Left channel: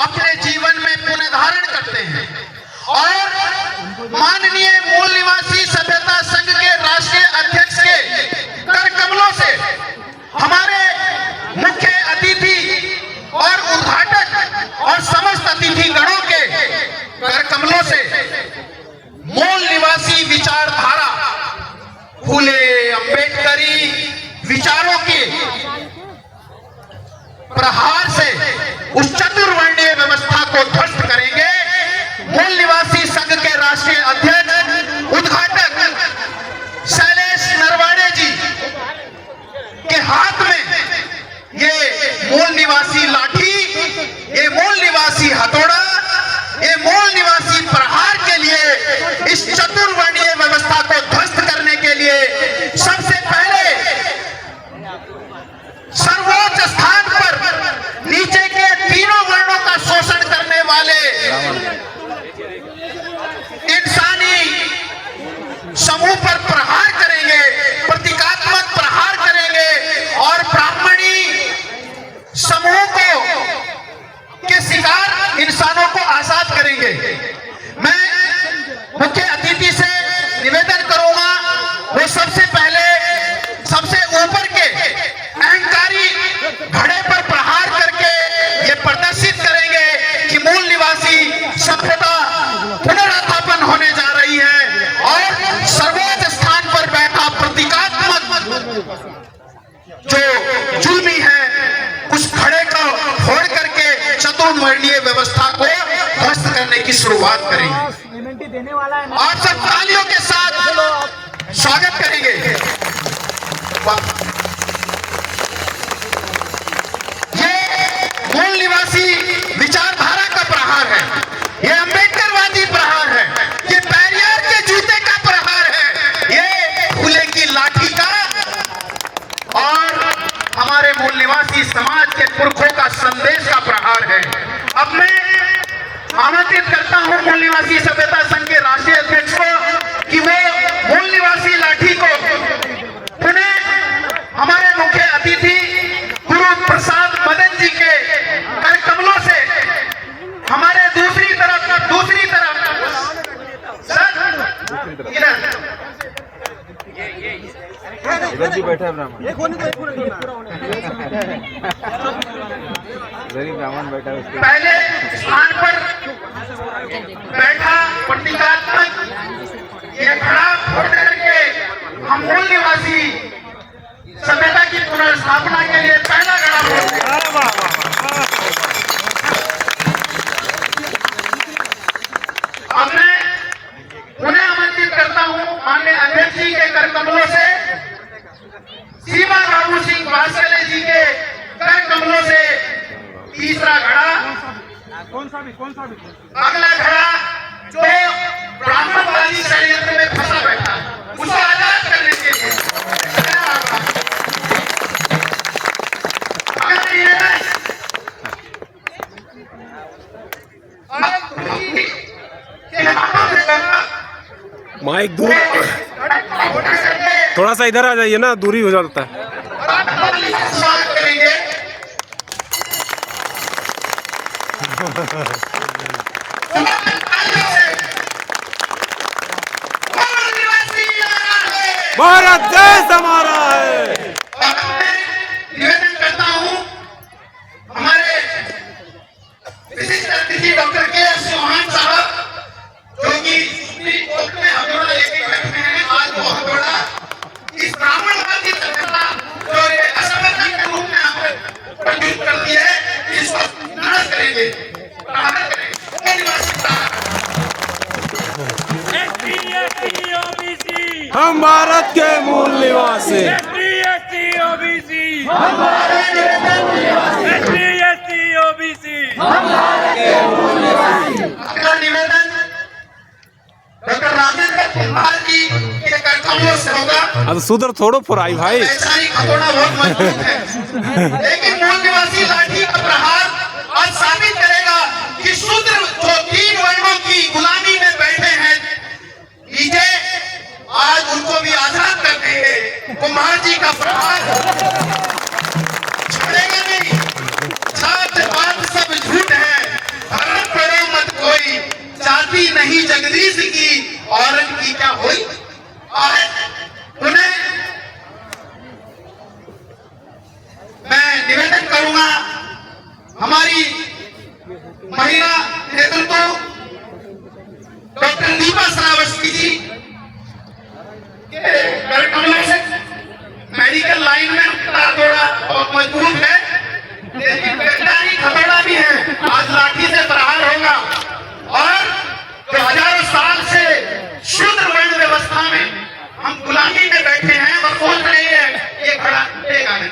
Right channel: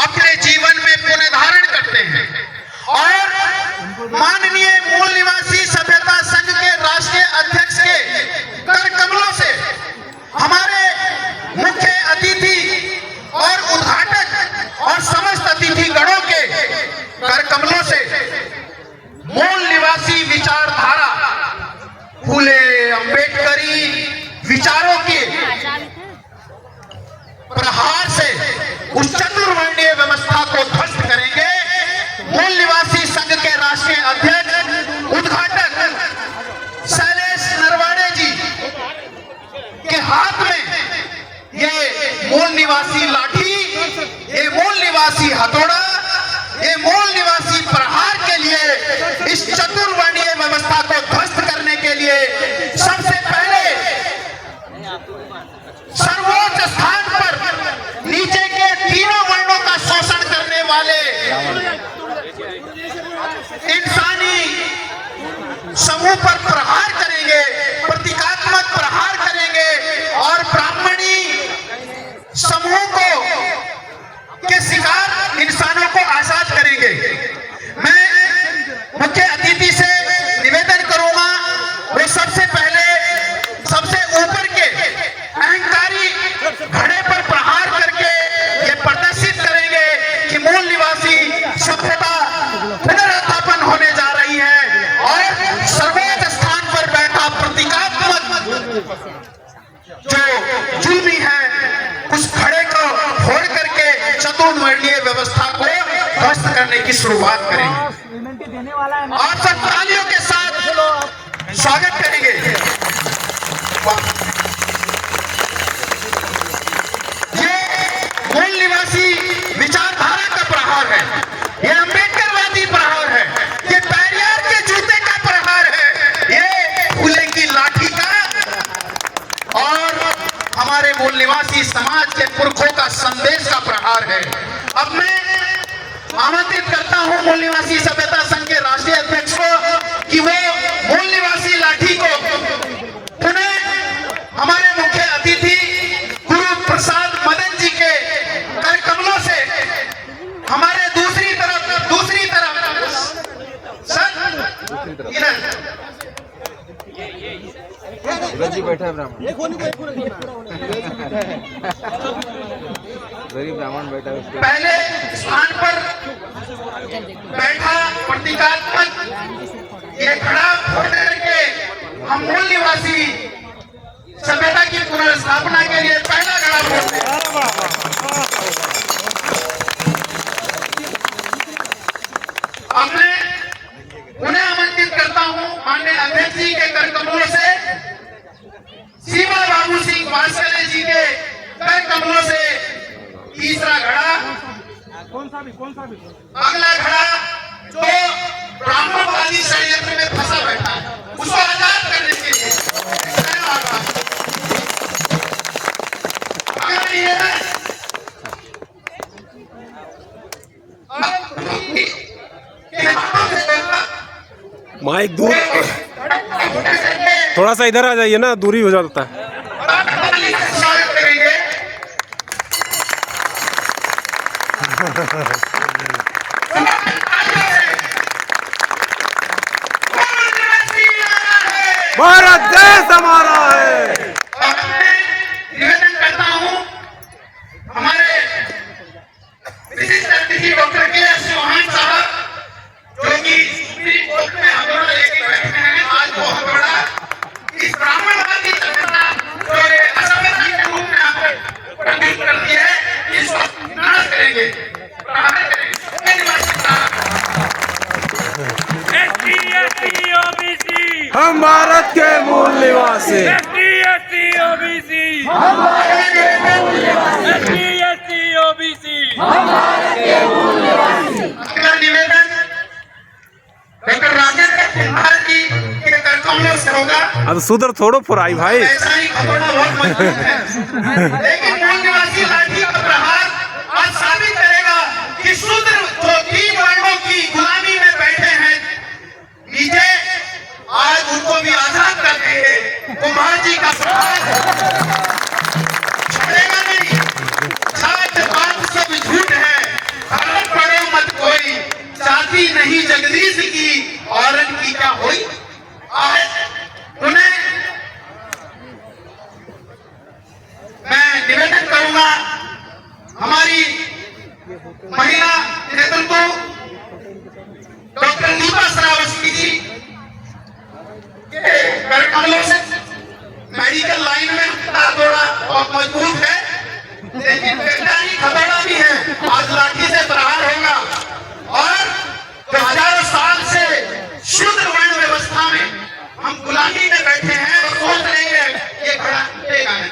अपने जीवन में पुनर्धारण करते हैं और माननीय मूल निवासी सभ्यता संघ के राष्ट्रीय अध्यक्ष के कर कमलों से हमारे मुख्य अतिथि और उद्घाटक और समस्त अतिथि गणों के कर कमलों से मूल निवासी विचारधारा फूले अंबेडकरी विचारों के प्रहार से उस चतुर्वर्णीय व्यवस्था को ध्वस्त करेंगे। मूल निवासी संघ के राष्ट्रीय अध्यक्ष उद्घाटक शैलेश नरवाड़े जी के हाथ में ये मूल निवासी लाठी, ये मूल निवासी हथौड़ा, ये मूल निवासी प्रहार के लिए, इस चतुर्वर्णीय व्यवस्था को ध्वस्त करने के लिए सबसे पहले सर्वोच्च स्थान पर नीचे के तीनों वर्णों का शोषण करने वाले इंसानी समूह पर प्रहार करेंगे, प्रतीकात्मक प्रहार करेंगे और ब्राह्मणी समूह को के शिकार इंसानों को आजाद करेंगे। मैं मुख्य अतिथि से निवेदन करूंगा वो सबसे पहले सबसे ऊपर के अहंकारी घड़े पर प्रहार करके ये प्रदर्शित करेंगे कि मूल निवासी सभ्यता पुनरुत्थापन होने जा रही है और सर्वोच्च स्थान पर बैठा प्रतीकात्मक जो जुल्मी है उस घड़े को फोड़ करके चतुर्वर्णीय व्यवस्था को ध्वस्त करने की शुरुआत करेंगे। आप सब तालियों के साथ स्वागत करेंगे। ये मूल निवासी विचारधारा का प्रहार है, ये अंबेडकरवादी प्रहार है, ये पेरियार के जूते का प्रहार है, ये फूले की लाठी का और हमारे मूल निवासी समाज के पुरखों का संदेश का प्रहार है। अब मैं आमंत्रित करता हूं मूल निवासी सभ्यता संघ के राष्ट्रीय अध्यक्ष को कि वो मूल निवासी लाठी को पुनः हमारे मुख्य अतिथि गुरु प्रसाद मदन जी के कर कमलों से हमारे दूसरी तरफ सर जी बैठा है ब्राह्मण बैठा है पहले स्थान पर बैठा प्रतीकात्मक ये खड़ा फोड़ करके हम मूल निवासी सभ्यता की पुनर्स्थापना के लिए पहला गड़ा अब मैं उन्हें आमंत्रित करता हूं माननीय अध्यक्ष जी के कर कमलों से सीमा बाबू सिंह वात्सल्य जी के कर कमलों से तीसरा घड़ा, कौन सा भी अगला घड़ा जो ब्राह्मणवादी षड्यंत्र में फंसा बैठा उसको आजाद करने के लिए माइक दूर थोड़ा सा इधर आ जाइए ना, दूरी हो जाता है। स्वागत करेंगे। भारत देश हमारा है। निवेदन करता हूँ हमारे विशिष्ट अतिथि डॉक्टर के.एस. चौहान साहब जो कि सुप्रीम कोर्ट में हमें लेके बैठे हैं, आज बहुत बड़ा इस ब्राह्मणवादी सभ्यता जो असभ्यता के रूप में हमें प्रस्तुत करती है, इसको नाश करेंगे, प्रहार करेंगे। हम भारत के मूल निवासी, अपना निवेदन डॉक्टर राजेंद्र कुमार जी के कर कमलों से होगा। अब सुधर थोड़ो फुराई भाई। ऐसा ही खतौना बहुत मजबूत है, लेकिन मूल निवासी लाठी का प्रहार आज साबित करेगा कि शूद्र जो 3 वर्णों की गुलामी में बैठे हैं नीचे, आज उनको भी आजाद कर देंगे। कुमार जी का प्रहार छोड़ेगा नहीं। बात सब झूठ है, महिला नेतृत्व डॉक्टर दीपा श्रावस्ती जी के कमलों से मेडिकल लाइन में थोड़ा बहुत मजबूत है, लेकिन वैज्ञानिक हथौड़ा भी है। आज लाठी से प्रहार होगा और जो हजारों साल से शूद्र वर्ण व्यवस्था में हम गुलामी में बैठे हैं और सोच रहे हैं ये घड़ा टूटेगा नहीं।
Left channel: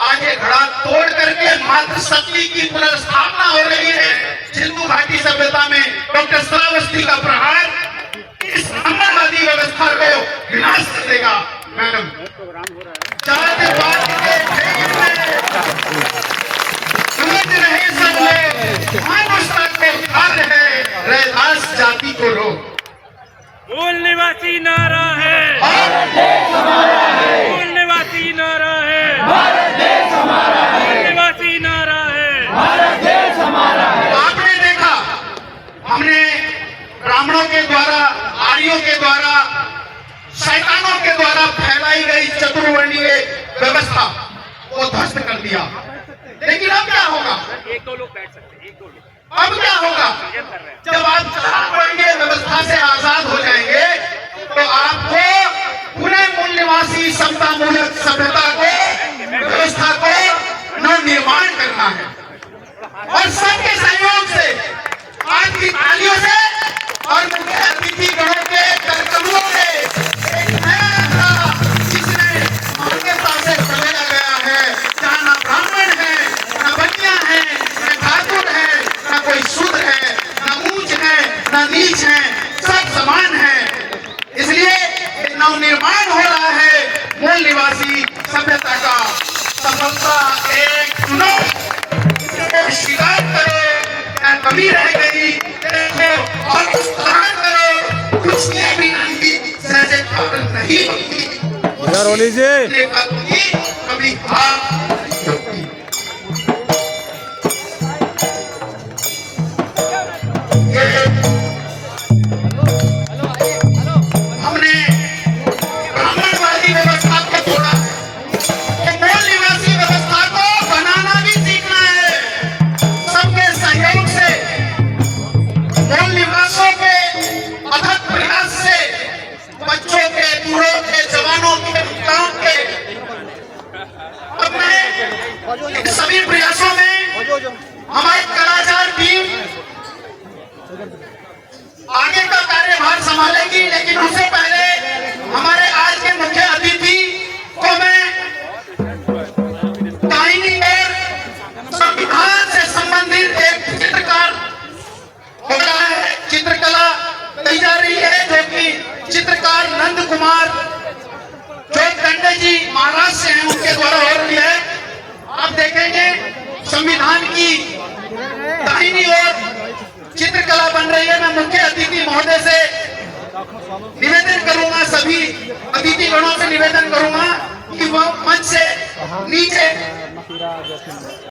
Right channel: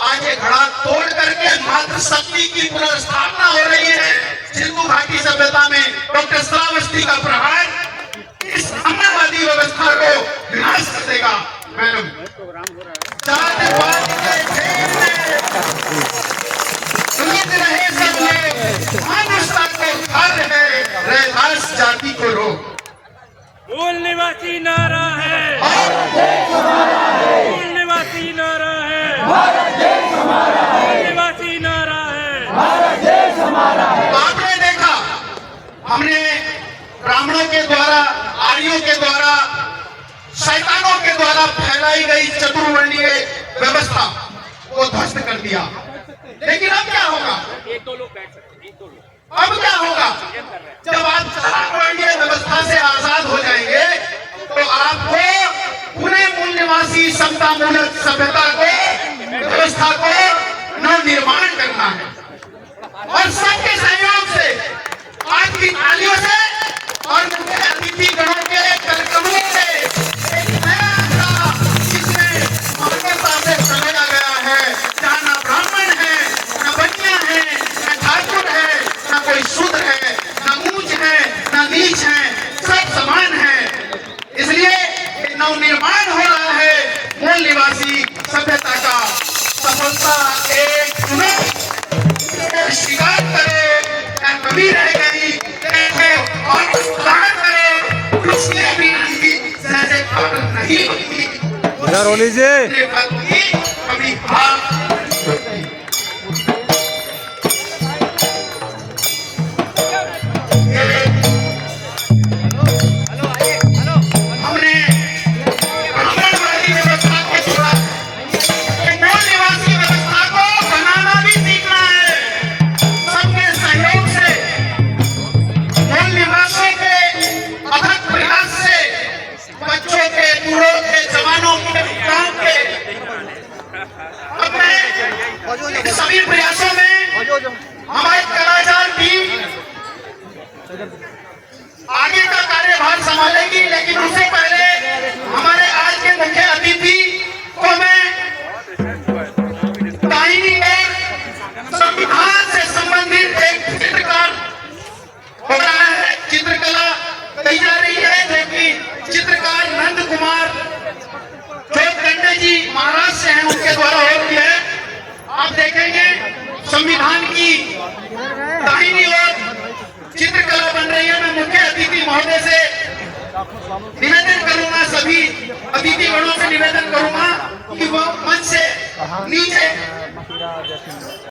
आज ये घड़ा तोड़ करके मातृशक्ति की पुनर्स्थापना हो रही है। सिंधु घाटी सभ्यता में डॉक्टर श्रावस्ती का प्रहार इस साम्राज्यवादी व्यवस्था को विनाश कर देगा। मैडम जातिवाद के फेर में उलझ रहे सब लोग, मानवता को खा रहे, रैदास जाति को रोक। मूल निवासी नारा है, मूल निवासी नारा है, मूल निवासी नारा है। आपने देखा, हमने ब्राह्मणों के द्वारा, आर्यों के द्वारा, शैतानों के द्वारा फैलाई गई चतुर्वर्णीय व्यवस्था को ध्वस्त कर दिया। लेकिन अब क्या होगा? एक दो लोग बैठ सकते हैं, एक दो लोग अब क्या होगा? जब आप चार वर्णीय व्यवस्था से आजाद हो जाएंगे तो आपको पूरे मूल निवासी समता मूलक सभ्यता को, व्यवस्था को नवनिर्माण करना है और सबके सहयोग से, आज की तालियों से और मुख्य अतिथि गणों के करतबों से एक नया धारा जिसमें मानवता से समेटा गया है, जहाँ ना ब्राह्मण है, ना बनिया है, ना ठाकुर है, ना कोई शूद्र है, ना ऊंच है, ना नीच है, सब समान है। इसलिए एक नवनिर्माण हो रहा है मूल निवासी सभ्यता का। सफलता एक चुनो, स्वीकार करो, क्या कमी रह गई देखो और विस्तार करो, उसके बिना भी सहज पालन नहीं होती। इधर हो लीजिए। कभी हमने ब्राह्मणवादी व्यवस्था को तोड़ा, मूल निवासी व्यवस्था को बनाना भी सीखना है। सबके सहयोग से, मूल निवासियों के अथक प्रयास से, बच्चों के, बूढ़ों के, जवानों के, विज्ञान के अपने सभी प्रयासों में हमारे कलाकार टीम आगे का कार्यभार संभालेगी। लेकिन उससे पहले हमारे आज के मुख्य अतिथि को मैं दाहिनी ओर संविधान से संबंधित एक चित्रकार हो रहा है, चित्रकला की जा रही है, जो कि चित्रकार नंद कुमार जो कंडे जी महाराष्ट्र से हैं, उनके द्वारा हो रही है। आप देखेंगे संविधान की दाहिनी ओर चित्रकला बन रही है। मैं मुख्य अतिथि महोदय से निवेदन करूंगा, सभी अतिथि गणों से निवेदन करूंगा कि वो मंच से नीचे